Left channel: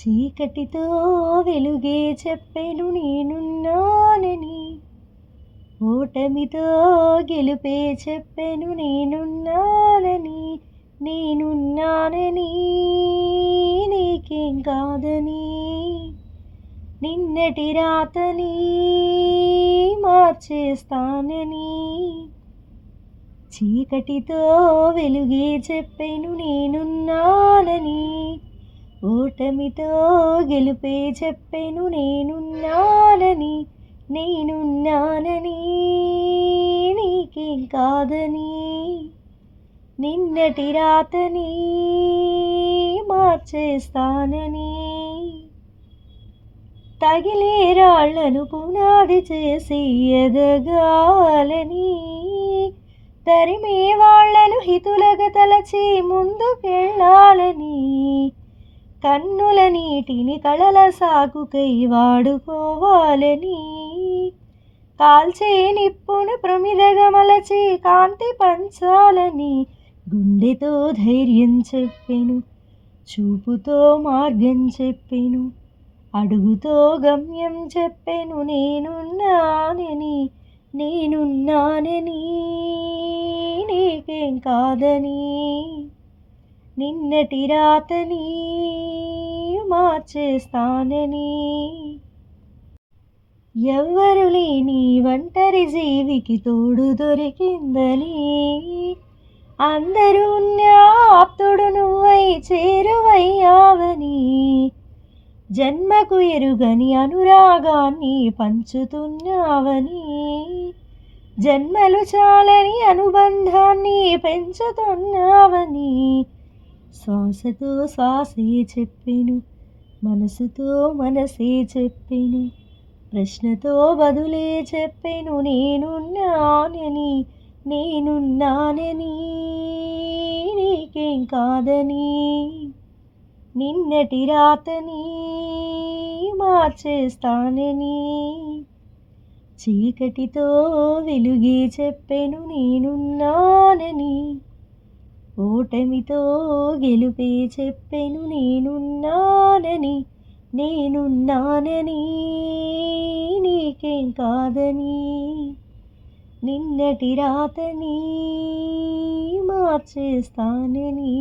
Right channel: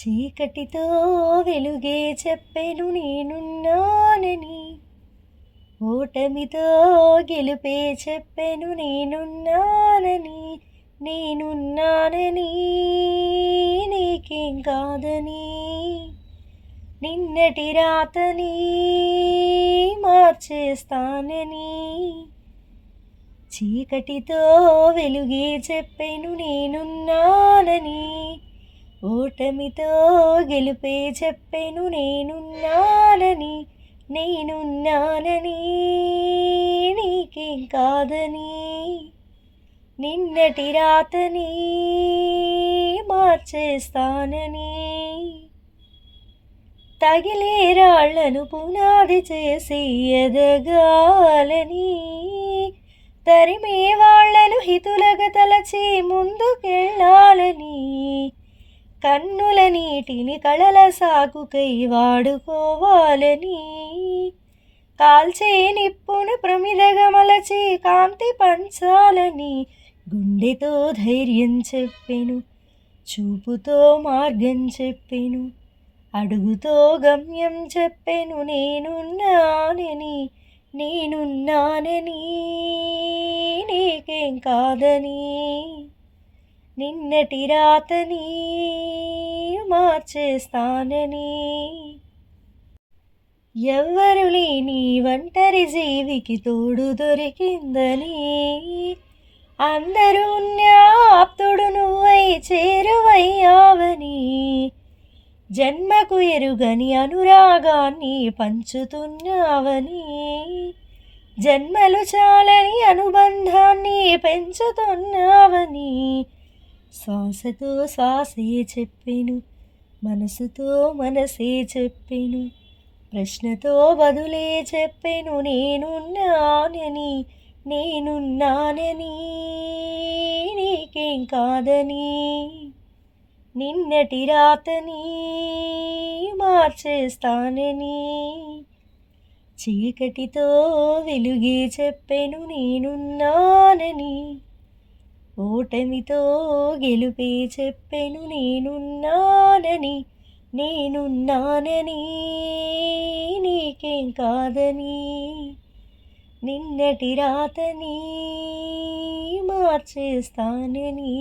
చీకటితో వెలుగే చెప్పెను నేనున్నానని, ఓటమితో గెలుపే చెప్పెను నేనున్నానని, నేనున్నానని నీకేం కాదని, నిన్నటి రాతని మార్చేస్తానని. చీకటితో వెలుగే చెప్పెను నేనున్నానని, ఓటమితో గెలుపే చెప్పెను నేనున్నానని, నేనున్నానని నీకేం కాదని, నిన్నటి రాతని మార్చేస్తానని. తగిలే రాళ్లను పునాది చేసి ఎదగాలని, తరిమే వాళ్లను హితులగా తలచి ముందుకెళ్ళాలని, కన్నుల నీటిని కళల సాకుకై వాడుకోవాలని, కాల్చే నిప్పును ప్రమిదగా మలచి కాంతి పంచాలని, గుండెతో ధైర్యం చెప్పెను, చూపుతో మార్గం చెప్పెను, అడుగుతో గమ్యం చెప్పెను నేనున్నానని, నేనున్నానని నీకేం కాదని, నిన్నటి రాతని మార్చేస్తానని. ఎవ్వరు లేని ఒంటరి జీవికి తోడు దొరికిందని, అందరూ ఆప్తుడు నువ్వై చేరువయ్యావని, జన్మకు ఎరుగని అనురాగాన్ని పంచుతున్నావని, జన్మలు చాలని అనుబంధాన్ని పెంచుతున్నావని, శ్వాసతో శ్వాసే చెప్పెను, మనసుతో మనసే చెప్పెను, ప్రశ్నతో బదులే చెప్పెను నేనున్నానని, నేనున్నానని నీకేం కాదని, నిన్నటి రాతని మార్చేస్తానని. చీకటితో వెలుగే చెప్పెను నేనున్నానని, ఓటమితో గెలుపే చెప్పెను నేనున్నానని, నేనున్నానని నీకేం కాదని, నిన్నటి రాతని మార్చేస్తానని.